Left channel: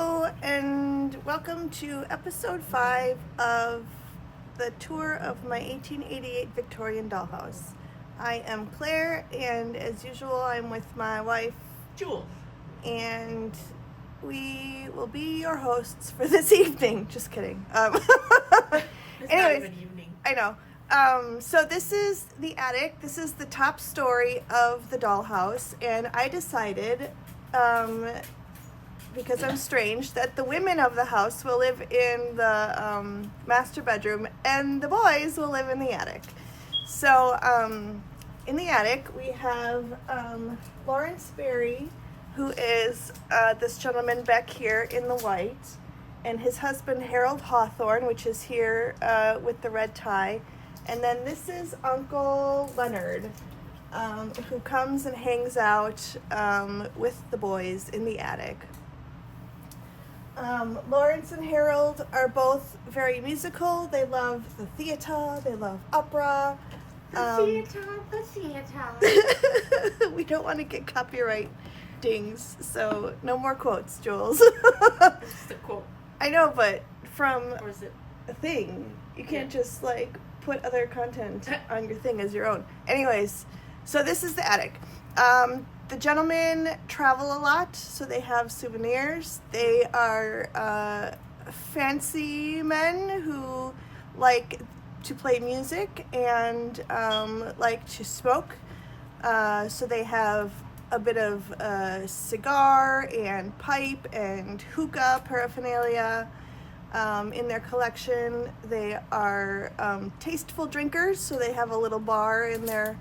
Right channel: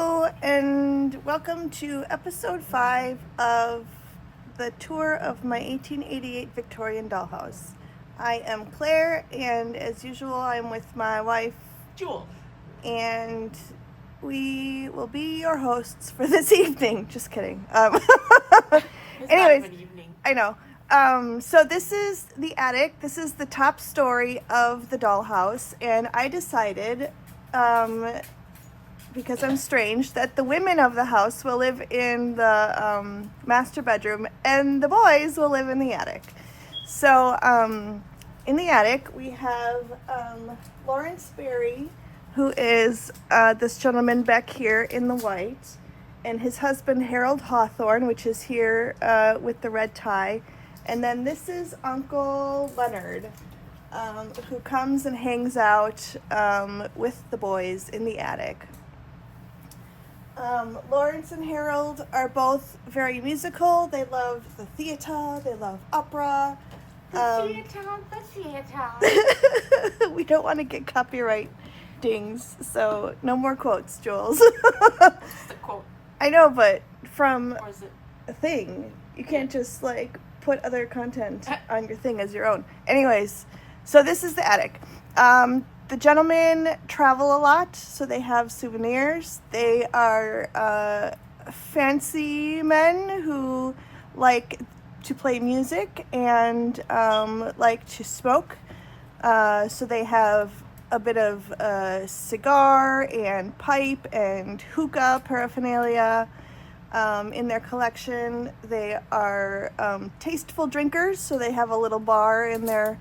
Hello and welcome to episode 5 of the tour of my 1888 Victorian Dollhouse. I am Claire, and as usual I'm with my wife Jewel, and we will be your hosts for this evening. Just kidding. it's Anyways, not even evening. I know. So this is the attic. This is the top story of the dollhouse, and I decided, because I'm strange, that the women of the house will live in the master bedroom and the boys will live in the attic. So in the attic we have Lawrence Berry, who is this gentleman back here in the white, and his husband Harold Hawthorne, which is here with the red tie. And then this is Uncle Leonard, who comes and hangs out with the boys in the attic. Lawrence and Harold are both very musical. They love the theater, they love opera. The theater. We don't want to get copyright dings, so no more quotes, Jules. That's the quote. I know, but from Or is it? a thing, you can't just like put other content on your thing as your own. Anyways, so this is the attic. The gentlemen travel a lot, so they have souvenirs. They are fancy men who like to play music and like to smoke. So they have a bit of cigar and pipe and hookah paraphernalia in their collection. They are tasteful drinkers, so they have a little bar in their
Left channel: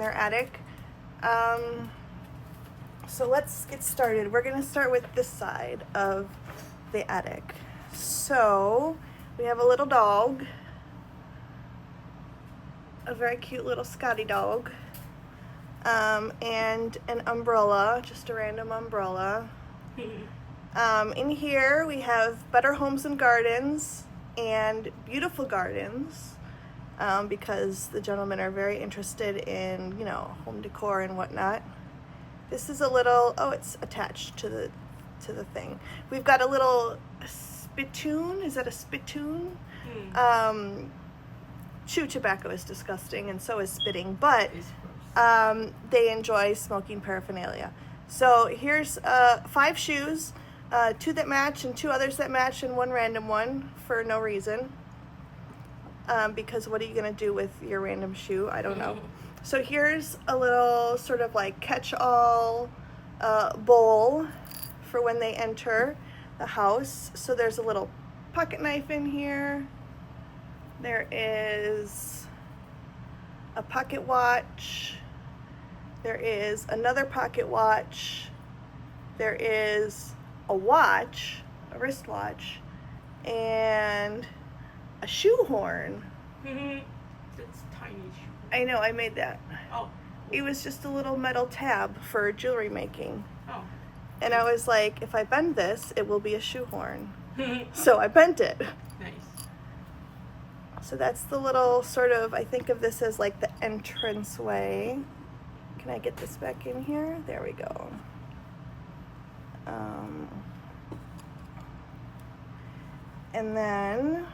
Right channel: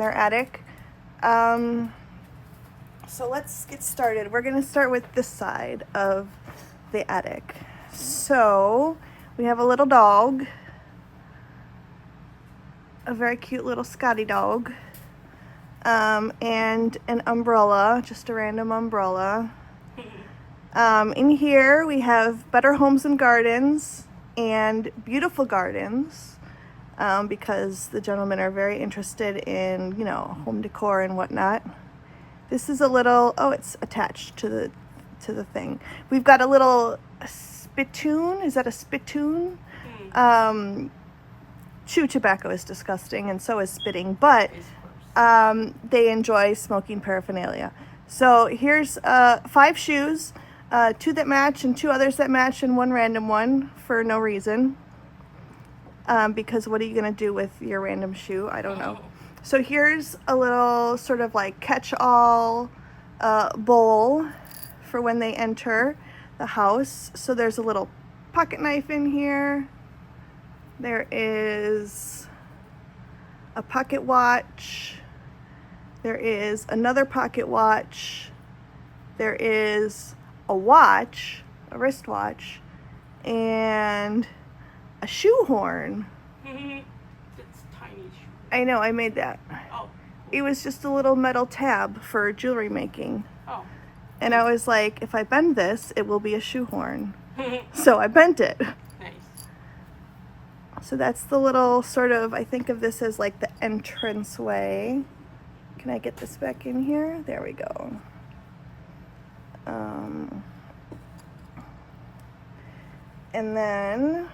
attic. So let's get started. We're gonna start with this side of the attic. So we have a little dog, a very cute little Scotty dog, and an umbrella, just a random umbrella. In here we have Better Homes and Gardens and Beautiful Gardens, because the gentlemen are very interested in, you know, home decor and whatnot. This is a little, oh, it's attached to the thing. We've got a little spittoon. Is that a spittoon? Chew tobacco is disgusting, and so is spitting, but they enjoy smoking paraphernalia. So here's 5 shoes, 2 that match and 2 others that match and 1 random one for no reason. Because what are you gonna do with your random shoe? I don't know. So here's a little sort of like catch-all bowl for when they enter the house. So there's a little pocket knife in here. There is a pocket watch. There is another pocket watch. There is a watch, a wristwatch, and a shoehorn. It's tiny. I know, I made that. Oh. It was just a little metal tab for jewelry making. Oh. And I was like, if I bend this, it will be a shoehorn. So I bent it. Nice. So that's the little sort of, I think of this as like the entranceway. Can I get this back in here? There we go. And then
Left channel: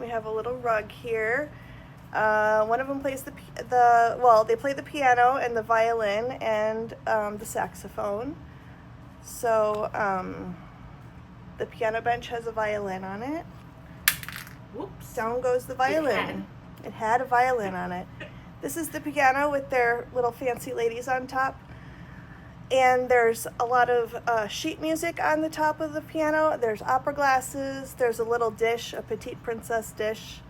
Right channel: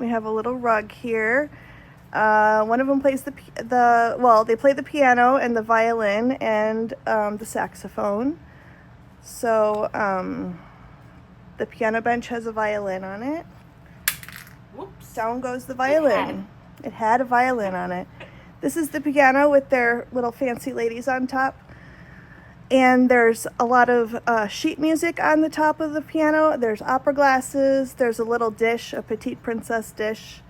we have a little rug here. One of them plays they play the piano and the violin and the saxophone. So the piano bench has a violin on it. Whoops. Down goes the violin. It had a violin on it. This is the piano with their little fancy ladies on top. And there's a lot of sheet music on the top of the piano. There's opera glasses. There's a little dish, a petite princess dish.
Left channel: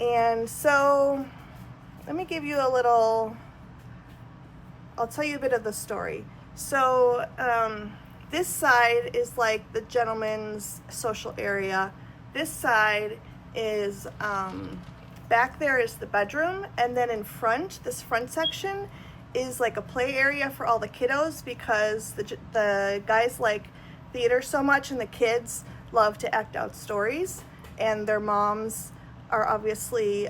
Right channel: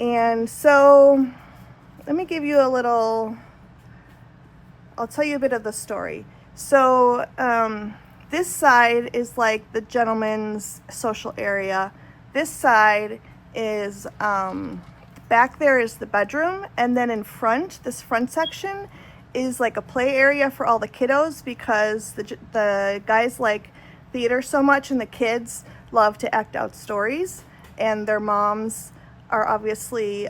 And so let me give you a little, I'll tell you a bit of the story. So this side is like the gentleman's social area. This side is, back there is the bedroom, and then in front, this front section is like a play area for all the kiddos, because the guys like theater so much and the kids love to act out stories, and their moms are obviously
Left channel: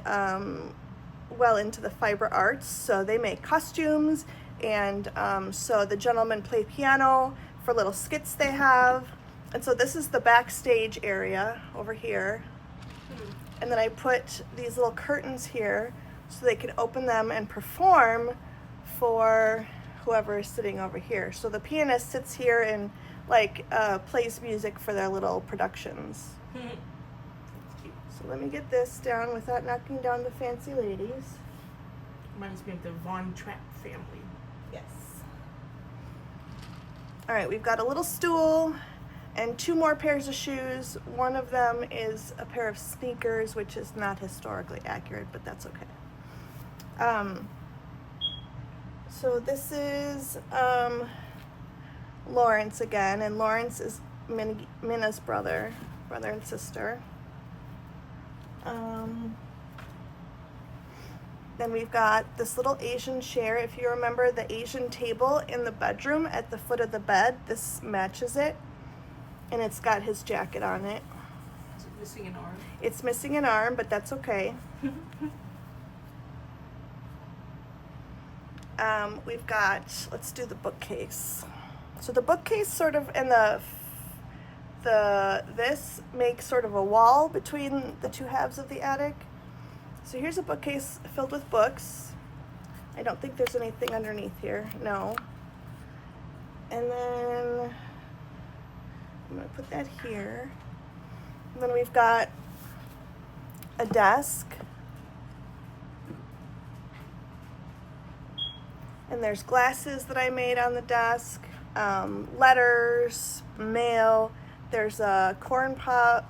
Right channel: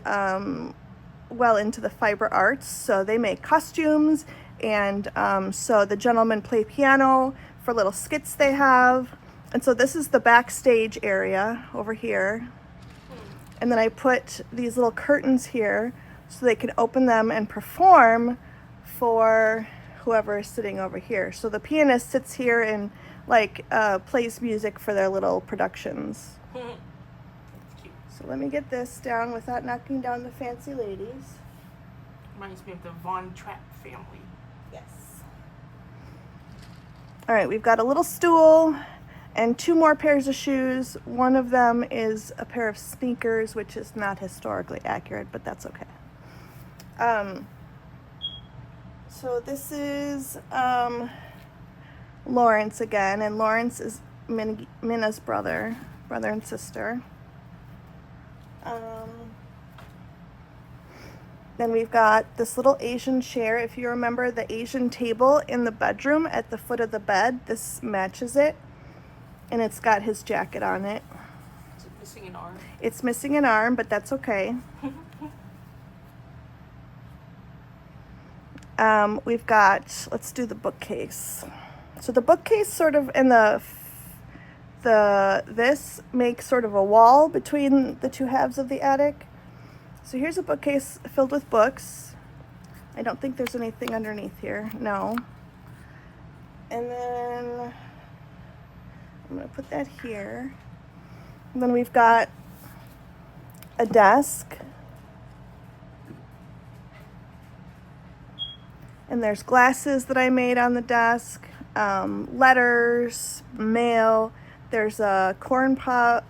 well into the fiber arts, so they make costumes, and so the gentlemen play piano for little skits they have. And so this is the backstage area over here. And then I put these little curtains here so they can open them and perform for whoever is sitting over here. So the pianist sits here and like plays music for their little productions. So let me get this down without knocking down the fancy ladies. Reminds me of the Von Trapp family. Yes. All right, we've got a little stool and 2 more pairs of shoes. One of them is a pair of sneakers, which is not historically accurate, but that's okay. So this is Lawrence again, and Lawrence is Minna's brother and sister. Then we've got this little Asian chair. If you remember the Asian table in the bedroom at the foot of the bed, this matches it. And it's got his jacket on it. Is it missing an arm? It's missing an arm, but that's okay. We've got, let's do the bookcase. So the bookcase sort of, and this makes sort of a wall between the 2 halves of the attic. So here's a bookcase filled with books. I don't think there's anything underneath here, no. And then I'm gonna put that here. And then we've got a desk. And there's glasses that I made on the desk, letters, mail. There's a corn cob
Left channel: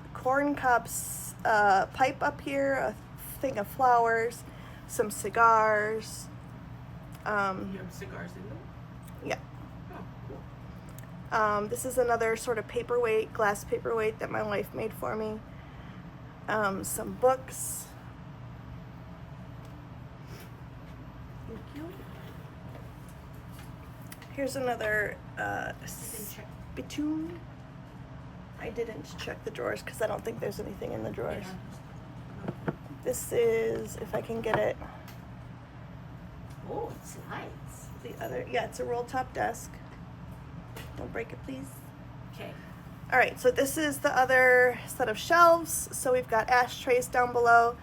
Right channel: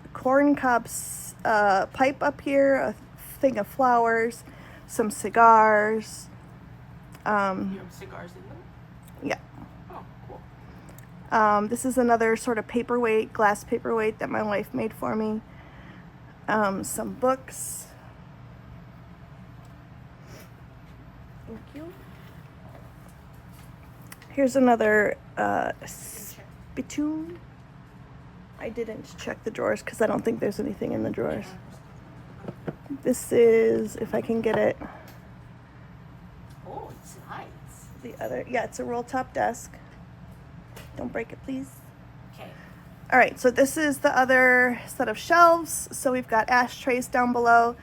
pipe up here, a thing of flowers, some cigars. You have cigars in them? Yeah. Oh, cool. This is another sort of paperweight, glass paperweight that my wife made for me. Some books. Thank you. Here's another spittoon. I didn't check the drawers because I don't think there's anything in the drawers. Yeah. This is, if I can get it, Oh, it's nice. the other, yeah, it's a roll top desk. Don't break it, please. Okay. All right, so this is the other set of shelves. So we've got ashtrays down below.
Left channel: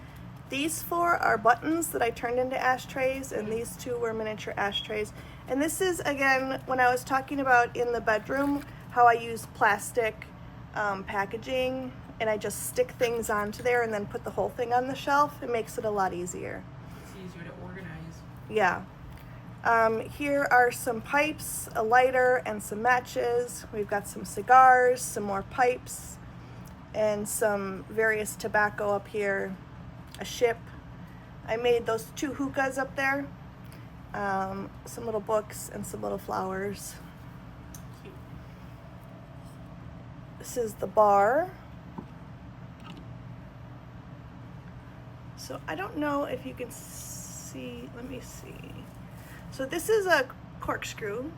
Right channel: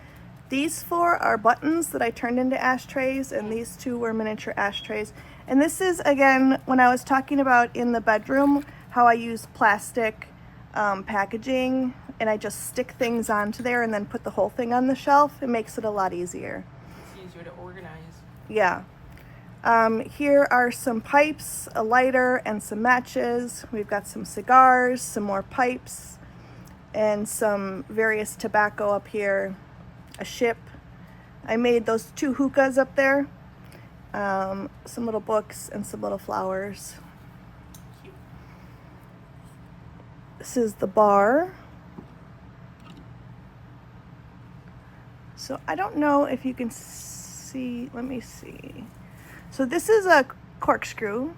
These 4 are buttons that I turned into ashtrays, and these 2 were miniature ashtrays. And this is, again, when I was talking about in the bedroom, how I use plastic packaging, and I just stick things onto there and then put the whole thing on the shelf. It makes it a lot easier. It's easier to organize. Yeah. Here are some pipes, a lighter, and some matches. We've got some cigars, some more pipes, and some various tobacco up here, a ship. I made those 2 hookahs up there, some little books, and some little flowers. Cute. This is the bar. So I don't know if you can see, let me see. So this is a corkscrew.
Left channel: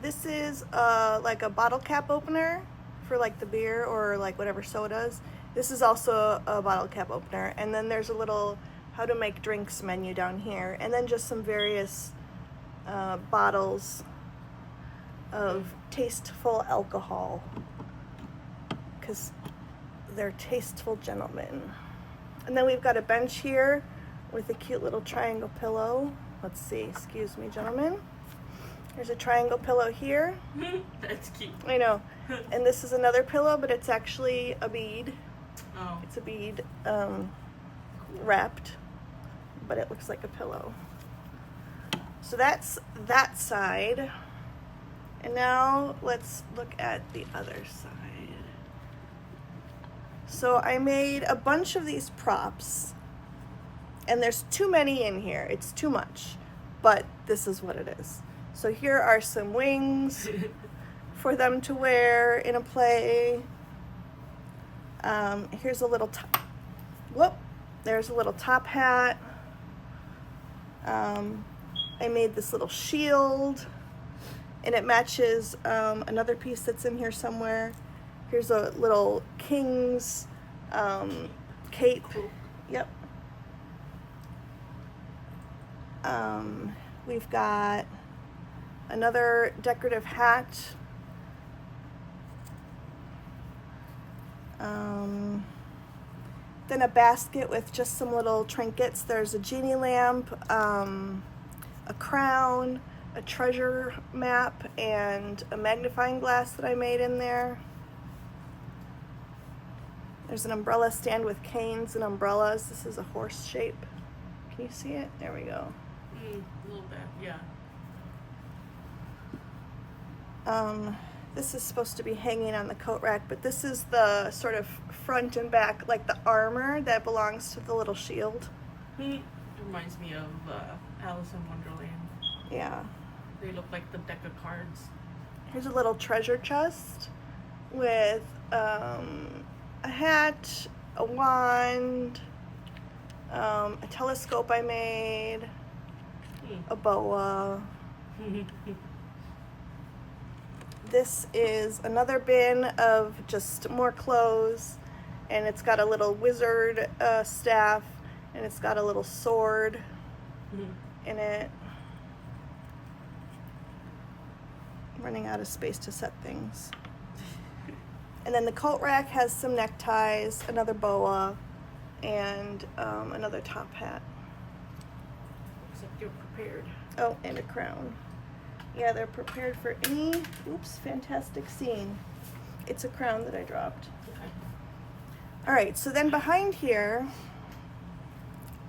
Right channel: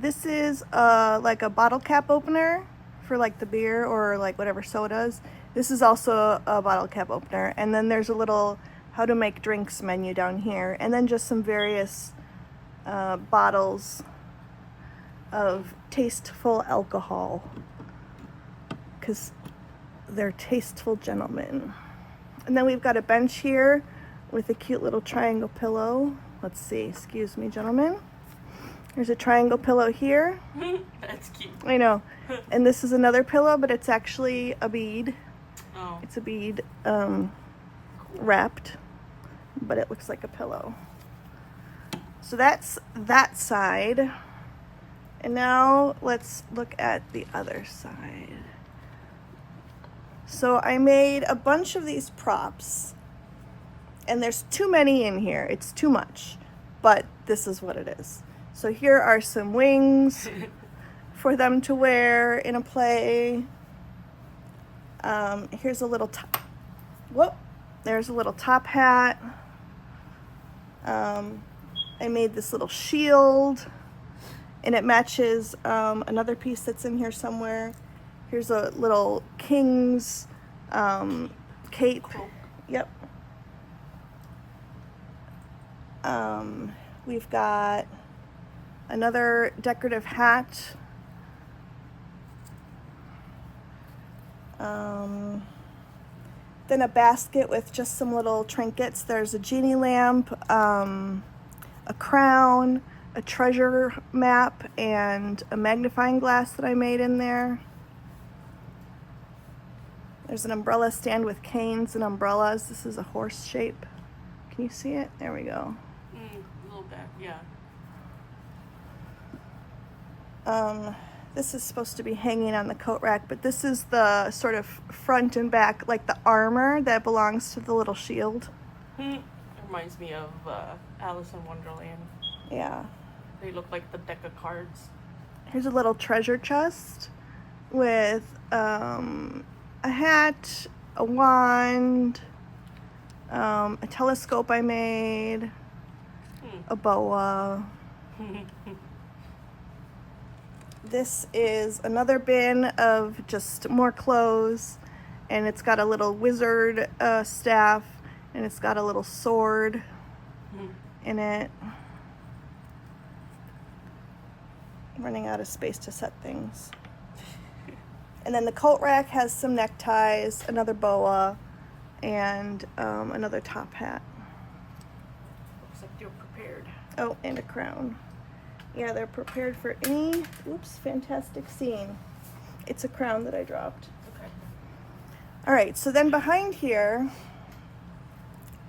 This is like a bottle cap opener for like the beer or like whatever sodas. This is also a bottle cap opener. And then there's a little how to make drinks menu down here. And then just some various bottles of tasteful alcohol, because they're tasteful gentlemen. And then we've got a bench here with a cute little triangle pillow. Let's see, excuse me, gentlemen. There's a triangle pillow here. That's cute. I know. And this is another pillow, but it's actually a bead. Oh, It's a bead cool. wrapped, but it looks like a pillow. So that's that side. And now let's look at the other side. So I made a bunch of these props, and there's too many in here. It's too much, but this is what it is. So here are some wings for them to wear in a play. Here's a little top. Whoop! There's a little top hat. I made this little shield, and it matches another piece that's in here somewhere. Here's a little king's cape. Cool. Yep. We've got another decorative hat. Then a basket with just some little trinkets. There's a genie lamp, a crown, a treasure map, and a magnifying glass that I made in there. There's an umbrella stand with canes and umbrellas. This is a horse shape. Can you see it? There we go. A little bit, yeah. This is supposed to be hanging on the coat rack, but this is the sort of front and back, like the armor that belongs to the little shield. It reminds me of Alice in Wonderland. Yeah. They look like the deck of cards. Here's a little treasure chest with a hat, a wand, a telescope I made, a boa. This is another bin of just more clothes, and it's got a little wizard staff, and it's got a little sword in it. I'm running out of space to set things. And then the coat rack has some neckties, another boa, and another top hat. Except you're prepared. Oh, and a crown. Yeah, they're prepared for any, fantastic scene. It's a crown that I dropped. Okay. All right, so then behind here,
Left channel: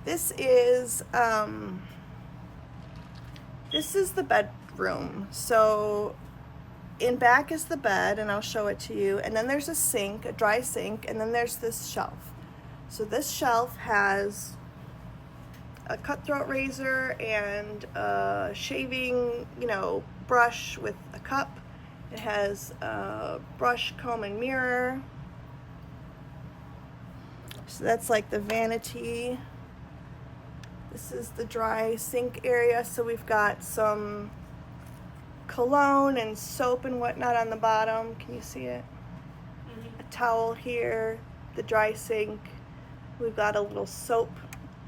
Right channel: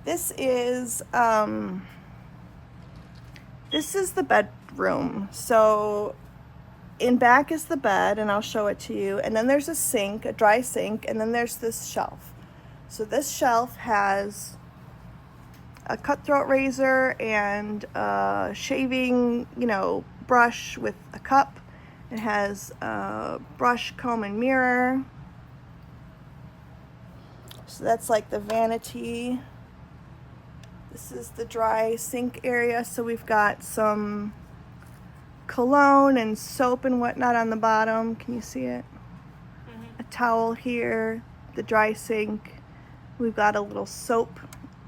this is the bedroom. So in back is the bed, and I'll show it to you. And then there's a sink, a dry sink, and then there's this shelf. So this shelf has a cutthroat razor and a shaving, brush with a cup. It has a brush, comb, and mirror. So that's like the vanity. This is the dry sink area. So we've got some cologne and soap and whatnot on the bottom. Can you see it? A towel here, the dry sink. We've got a little soap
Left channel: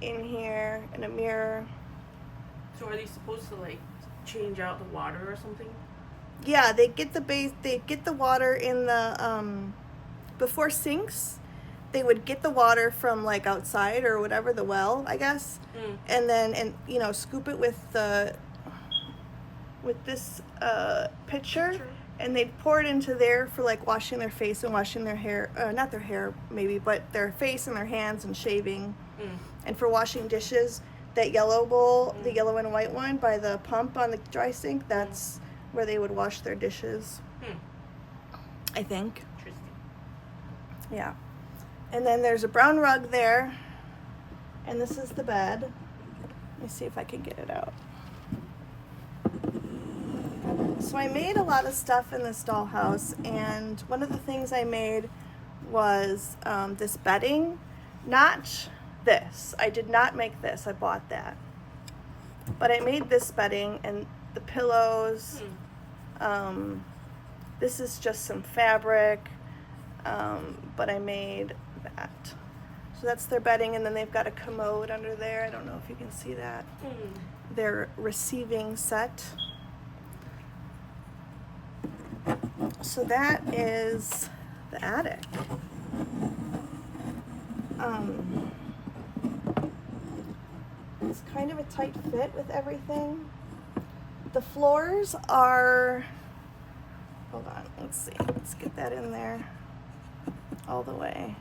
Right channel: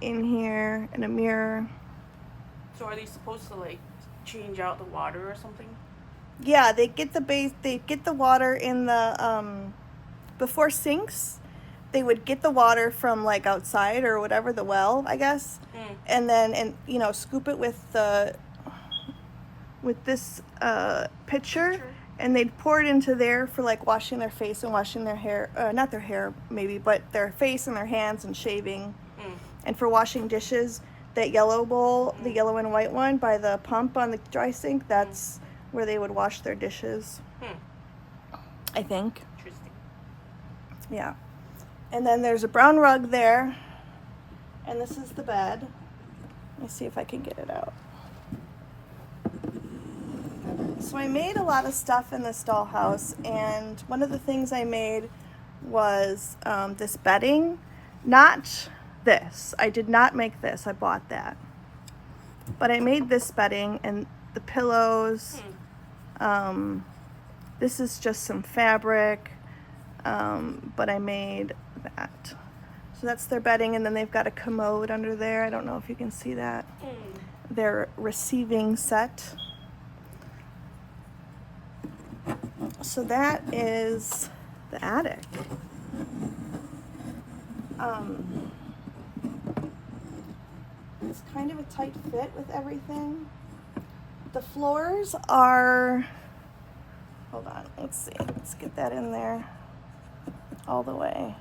in here and a mirror. So are they supposed to like change out the water or something? Yeah, they get the water in the before sinks. They would get the water from like outside or whatever, the well, I guess. And then scoop it with this pitcher, and they'd pour it into there for like washing their face and washing their hair, not their hair maybe, but their face and their hands and shaving. And for washing dishes, that yellow bowl, the yellow and white one by the pump on the dry sink, that's where they would wash their dishes. I think. Interesting. Yeah. And then there's a brown rug there, and this is the bed. Let me see if I can get it out. So I made a lot of stuff in this dollhouse, and one of the things I made was this bedding. Not this. I did not make this. I bought that. But I made this bedding and the pillows. This is just some fabric, but I made that. So that's their bedding, and then they've got a commode under there. I don't know if you can see that. Their receiving set. So that is the attic. It's kind of a tight fit with everything. The floors are, hold on, let's see, let's get that in there all the way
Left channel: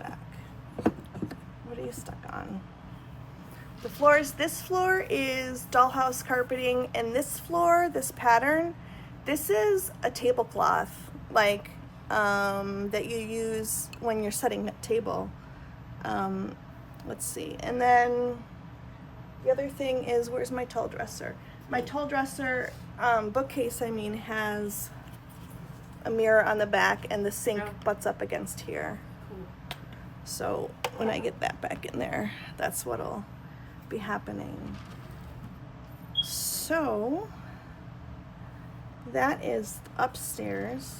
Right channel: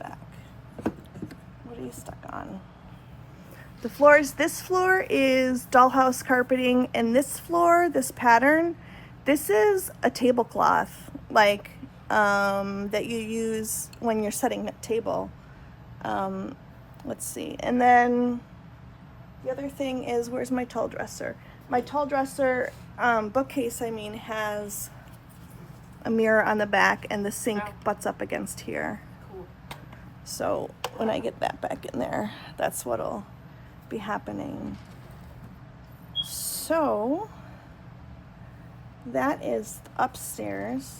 back. What are you stuck on? The floors, this floor is dollhouse carpeting, and this floor, this pattern, this is a tablecloth, like that you use when you're setting a table. Let's see, and then the other thing is, where's my tall dresser? My tall dresser, bookcase, I mean, has a mirror on the back, and the sink butts up against here. Cool. So when I get that back in there, that's what'll be happening. So that is upstairs.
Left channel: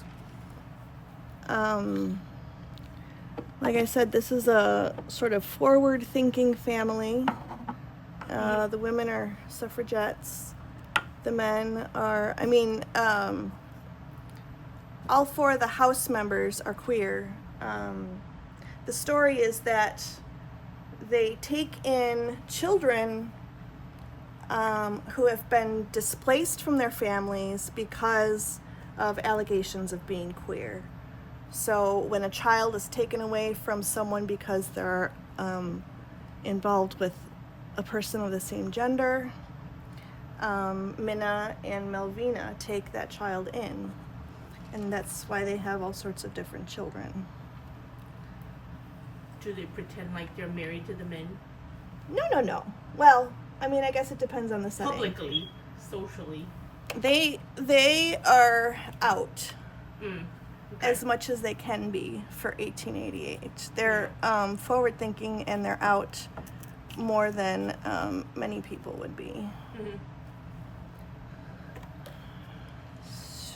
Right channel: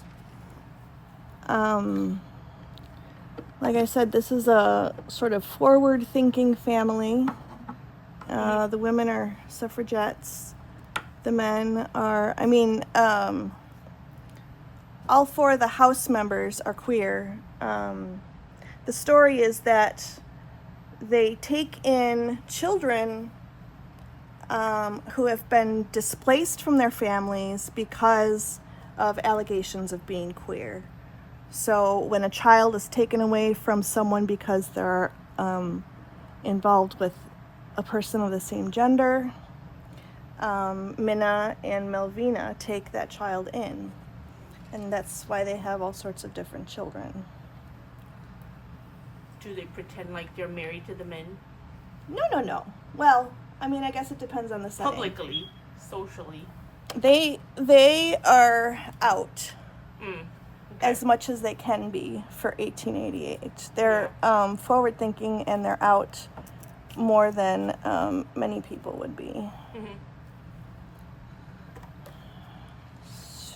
Like I said, this is a sort of forward-thinking family. The women are suffragettes. The men are, all four of the house members are queer. the story is that they take in children who have been displaced from their families because of allegations of being queer. So when a child is taken away from someone because they're involved with a person of the same gender, Minna and Melvina take that child in, and that's why they have all sorts of different children. Do they pretend like they're married to the men? No. Well, I mean, I guess it depends on the setting. Publicly, socially. They are out Okay. as much as they can be for 1888. They're forward thinking, and they're out more than many people would be. Mm-hmm.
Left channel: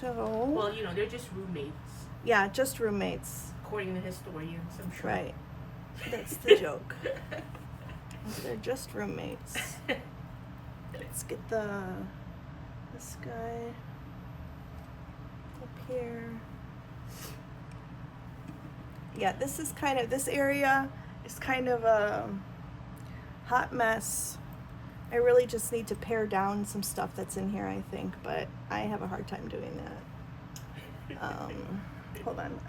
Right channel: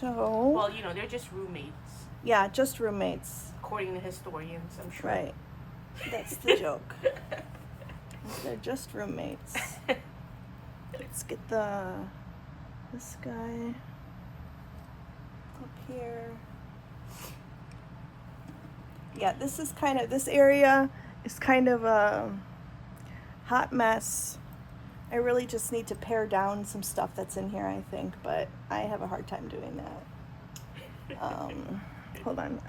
So. Well, they're just roommates. Yeah, just roommates. According to historians, I'm sure. Right. That's the joke. They're just roommates. Let's get this guy up here. Yeah, this area is kind of a hot mess. I really just need to pare down some stuff that's in here, I think, but I have a hard time doing that. Hold on,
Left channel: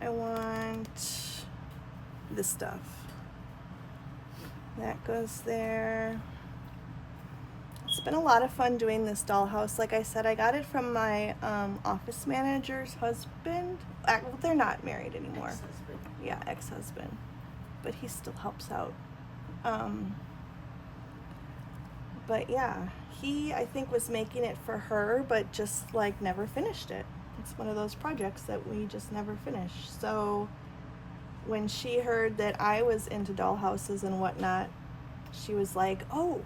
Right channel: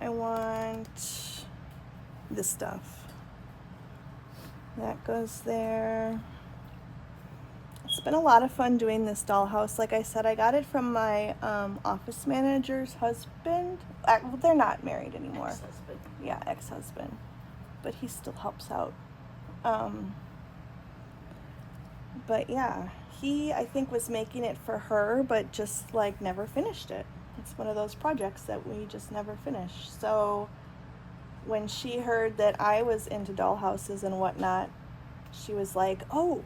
I want this stuff. That goes there. It's been a lot of fun doing this dollhouse. Like I said, I got it from my office manager's husband. They're not married anymore. Ex-husband. Yeah, ex-husband. But he still helps out. But yeah, he, I think, was making it for her, but just like never finished it. It's one of those projects that we just never finish. So when she heard that I was into dollhouses and whatnot, she was like, "Oh,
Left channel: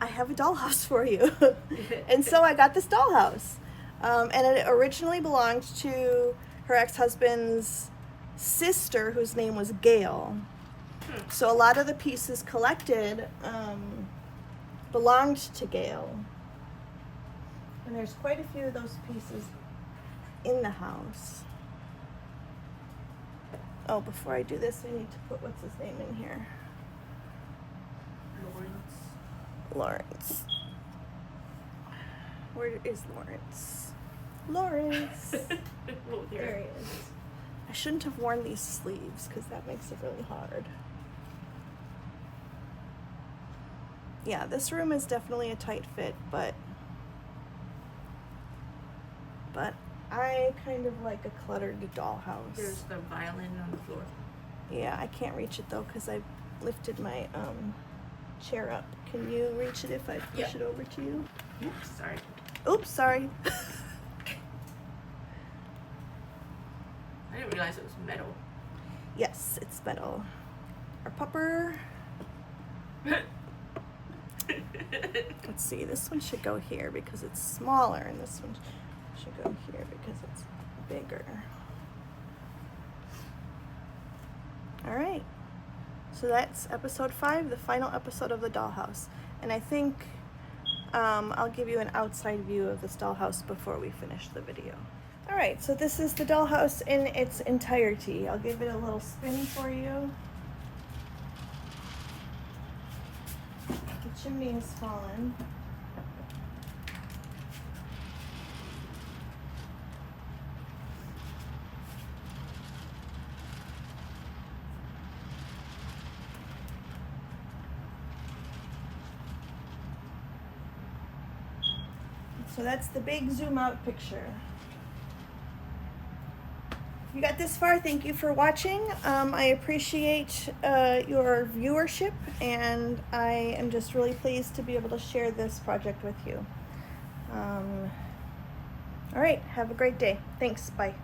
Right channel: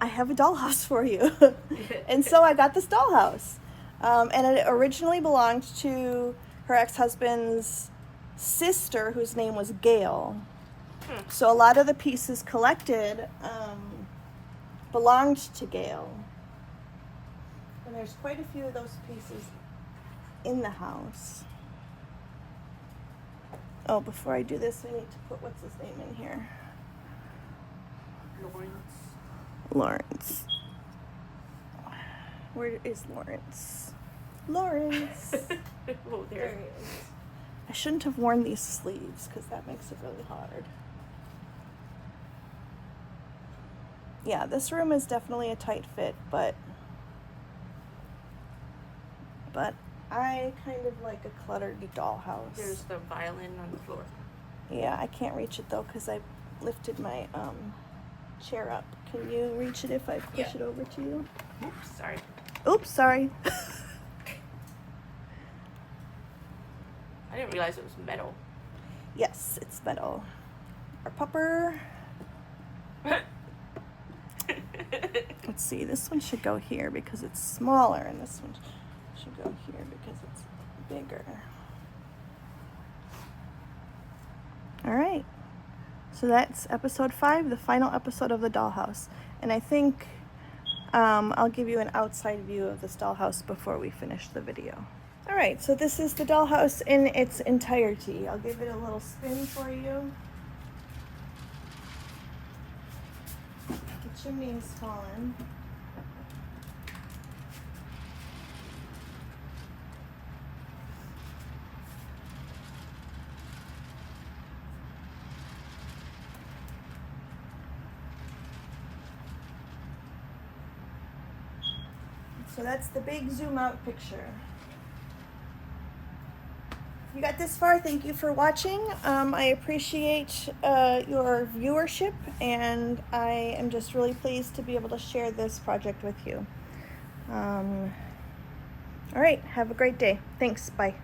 I have a dollhouse for you." And so I got this dollhouse. And it originally belonged to her ex-husband's sister, whose name was Gail. So a lot of the pieces collected belonged to Gail. And there's quite a few of those pieces in the house. Oh, before I do this, I need to put what's his name in here. Lawrence. Where is Lawrence? Lawrence! Oh, There he is. I shouldn't have worn these sleeves because that makes it really hard. Yeah, this room is definitely a tight fit, but I kind of like a cluttered dollhouse. There's the violin on the floor. Yeah, I can't reach it though because I lifted my chair up. Can you reach it if I push it over to you? Oops, sorry. Oops, sorry. I didn't realize it was metal. Yes, it's metal. Our pupper. Let's see, this one should go here because it's smaller, and this one should go here because it's bigger. All right, so that's episode 5, the final episode of the dollhouse. And I think I'll give you an outside view of this dollhouse before we finish the video. All right, so this is the dollhouse in its entirety. I'll give it a little spin for you. The chimney is fallen. So that's the big zoom out picture. If you got this far, thank you for watching. I appreciate your viewership, and I am just really pleased to be able to share this project with you. All right, have a great day. Thanks, bye.